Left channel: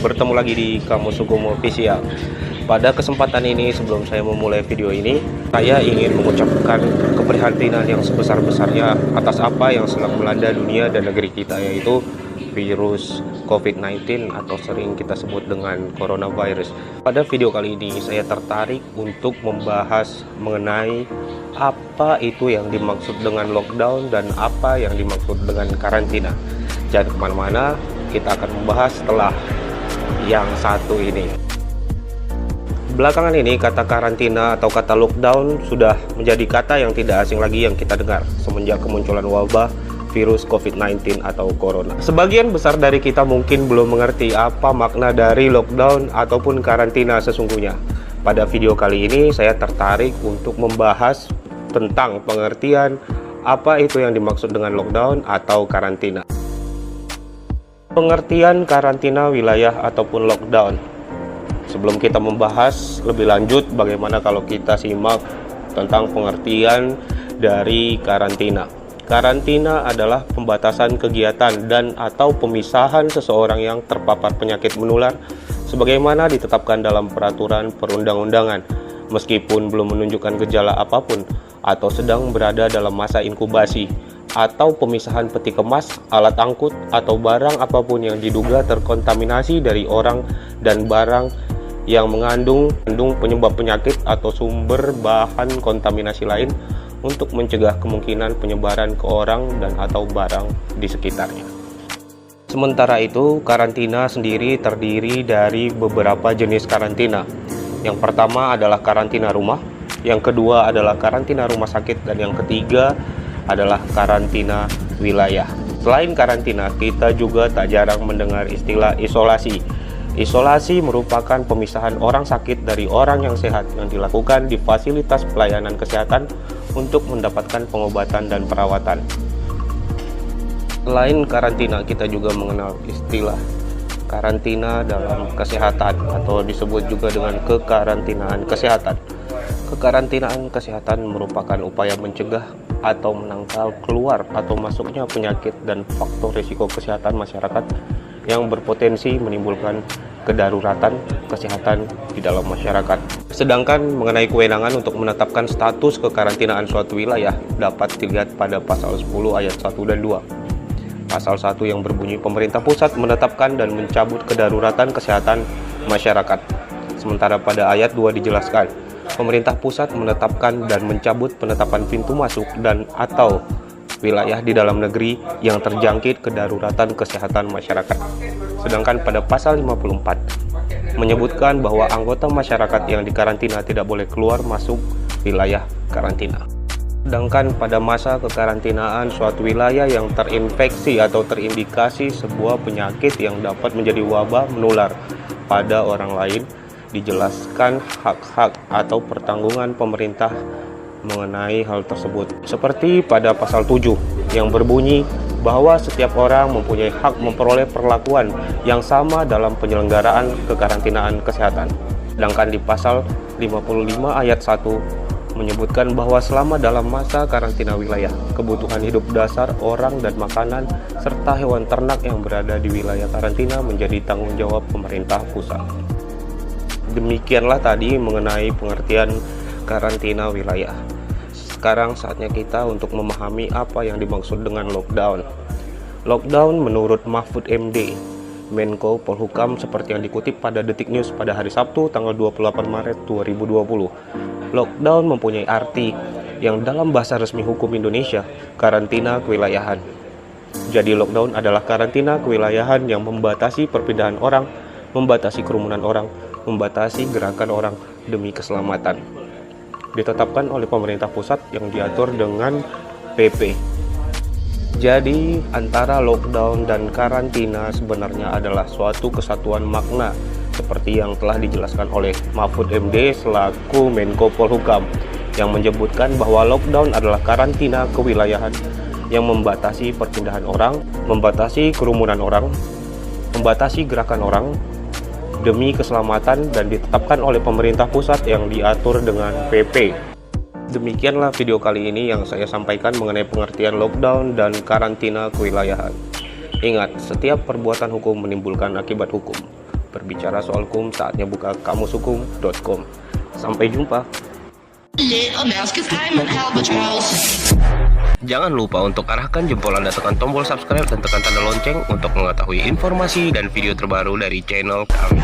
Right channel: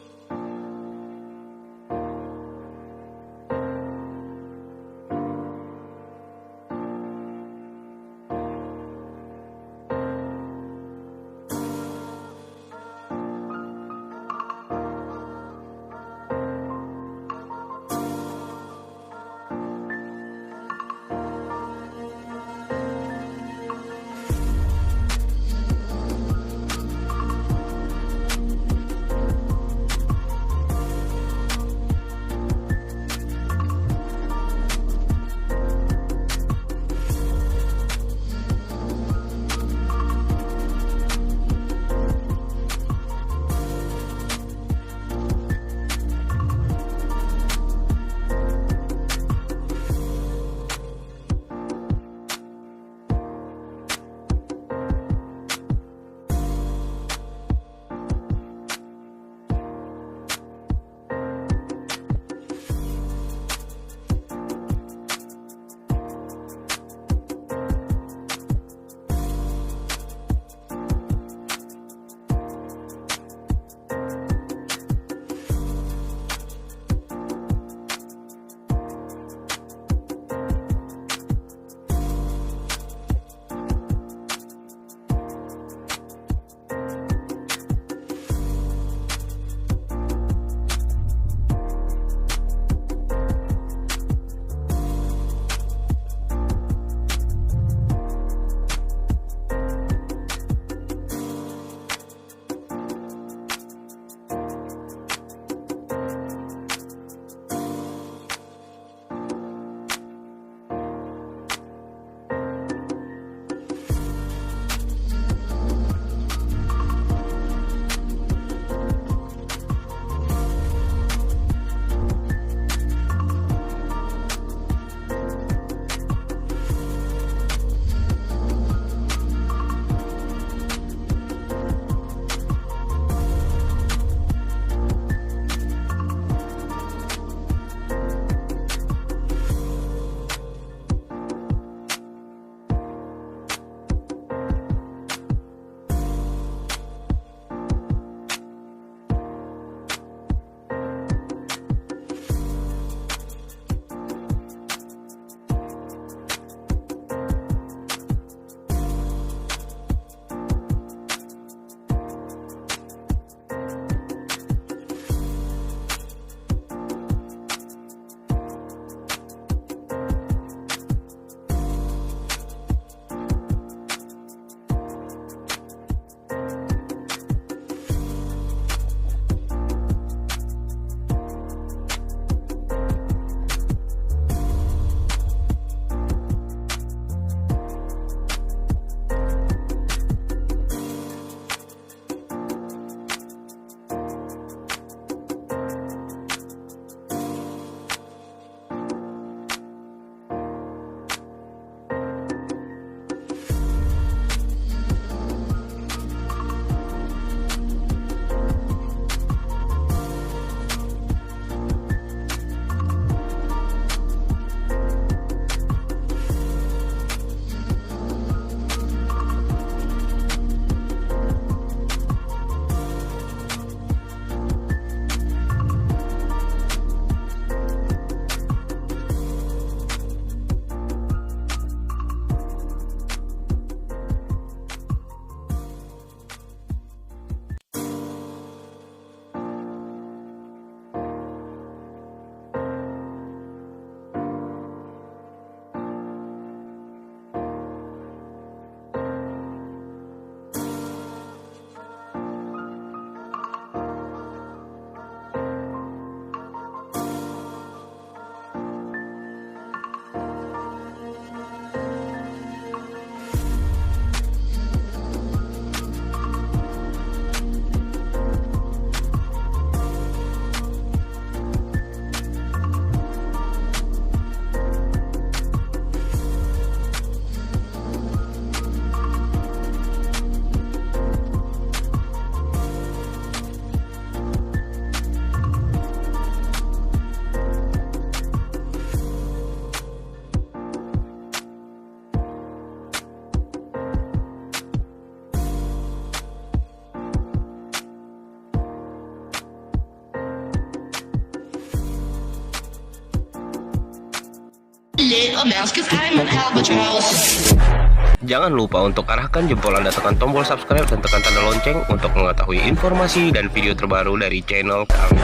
bertemu lagi di Kamus Hukum Official. Pada kesempatan ini, sebelum saya memulai video ini, saya ingin mengucapkan keprihatinan yang sebesar-besarnya atas apa yang sedang melanda dunia dan negeri kita, yaitu virus COVID-19 atau sering kita sebut dengan coronavirus. Pada video kali ini, saya tertarik untuk membahas mengenai apa itu yang dimaksud dengan lockdown dan apa yang dimaksud dengan karantina. Jangan kemana-mana, kita akan membahas setelah yang satu ini. Belakangan ini kata karantina atau kata lockdown sudah menjadi kata yang tidak asing lagi yang kita dengar semenjak kemunculan wabah virus COVID-19 atau corona. Sebagian besar dari kita mungkin belum mengerti apa makna dari lockdown ataupun karantina sesungguhnya. Pada video kali ini saya tertarik untuk membahas tentang pengertian apa itu yang dimaksud dengan lockdown atau karantina. Pengertian karantina wilayah ataupun lockdown. Sebelum kita membahas lebih lanjut, bagaimana kalau kita simak tentang pengertian dari karantina. Karantina adalah pembatasan kegiatan dan atau pemisahan seseorang yang terpapar penyakit menular sebagaimana ditetapkan dalam peraturan perundang-undangan, meskipun belum menunjukkan gejala apapun atau sedang berada dalam masa inkubasi, atau pemisahan peti kemas, alat angkut, atau barang apapun yang diduga terkontaminasi dari orang dan barang yang mengandung penyebab penyakit atau sumber bahan kontaminasi lain untuk mencegah kemungkinan penyebaran ke orang dan atau barang di sekitarnya. Sementara itu, karantina sendiri terdiri dari beberapa jenis karantina. Yang pertama adalah karantina rumah, yang kedua adalah karantina rumah sakit, dan yang ketiga adalah karantina wilayah. Selain karantina, kita juga tak jarang mendengar istilah isolasi. Isolasi merupakan pemisahan orang sakit dari orang yang sehat yang dilakukan di fasilitas pelayanan kesehatan untuk mendapatkan pengobatan dan perawatan. Selain karantina, kita juga mengenal istilah karantina dalam kesehatan atau disebut juga dengan kekarantinaan kesehatan. Kekarantinaan kesehatan merupakan upaya mencegah atau menangkal keluar atau masuknya penyakit dan faktor risiko kesehatan masyarakat yang berpotensi menimbulkan kedaruratan kesehatan di dalam masyarakat. Sedangkan mengenai kewenangan untuk menetapkan status kekarantinaan suatu wilayah dapat dilihat pada pasal 10 ayat 1 dan 2. Pasal 1 yang berbunyi pemerintah pusat menetapkan dan mencabut kedaruratan kesehatan masyarakat. Sementara pada ayat 2 dijelaskan, pemerintah pusat menetapkan dan mencabut penetapan pintu masuk dan atau wilayah di dalam negeri yang terjangkit kedaruratan kesehatan masyarakat. Sedangkan pada pasal 54 menyebutkan bahwa anggota masyarakat yang dikarantina tidak boleh keluar masuk wilayah karantina. Sedangkan pada masa kekarantinaan suatu wilayah yang terinfeksi atau terindikasi sebuah penyakit yang dapat menjadi wabah menular pada orang lain, dijelaskan hak-hak atau pertanggungan pemerintah mengenai hal tersebut. Seperti pada pasal 7 yang berbunyi bahwa setiap orang mempunyai hak memperoleh perlakuan yang sama dalam penyelenggaraan kekarantinaan kesehatan. Sedangkan di pasal 55 ayat 1 menyebutkan bahwa selama dalam masa karantina wilayah, kebutuhan hidup dasar orang dan makanan serta hewan ternak yang berada di wilayah karantina menjadi tanggung jawab pemerintah pusat. Demikianlah tadi mengenai pengertian karantina wilayah. Sekarang saatnya kita untuk memahami apa yang dimaksud dengan lockdown. Lockdown menurut Mahfud MD, Menko Polhukam, seperti yang dikutip pada Detik News pada hari Sabtu tanggal 28 Maret 2020. Lockdown mempunyai arti yang dalam bahasa resmi hukum Indonesia, karantina kewilayahan. Jadi lockdown adalah karantina kewilayahan yang membatasi perpindahan orang, membatasi kerumunan orang, membatasi gerakan orang demi keselamatan. Ditetapkan oleh pemerintah pusat yang diatur dengan PP. Jadi antara lockdown dan karantina sebenarnya adalah suatu kesatuan makna seperti yang telah dijelaskan oleh Mahfud MD selaku Menko Polhukam yang menyebutkan bahwa lockdown adalah karantina kewilayahan yang membatasi perpindahan orang, membatasi kerumunan orang, membatasi gerakan orang demi keselamatan dan ditetapkan oleh pemerintah pusat yang diatur dengan PP. Demikianlah video kali ini yang saya sampaikan mengenai pengertian lockdown dan karantina kewilayahan. Ingat, setiap perbuatan hukum menimbulkan akibat hukum. Berbicara soal hukum, saatnya buka kamushukum.com. Sampai jumpa. Jangan lupa untuk arahkan jempol Anda, tekan tombol subscribe dan tekan tanda lonceng untuk mengetahui informasi dan video terbaru dari channel kami.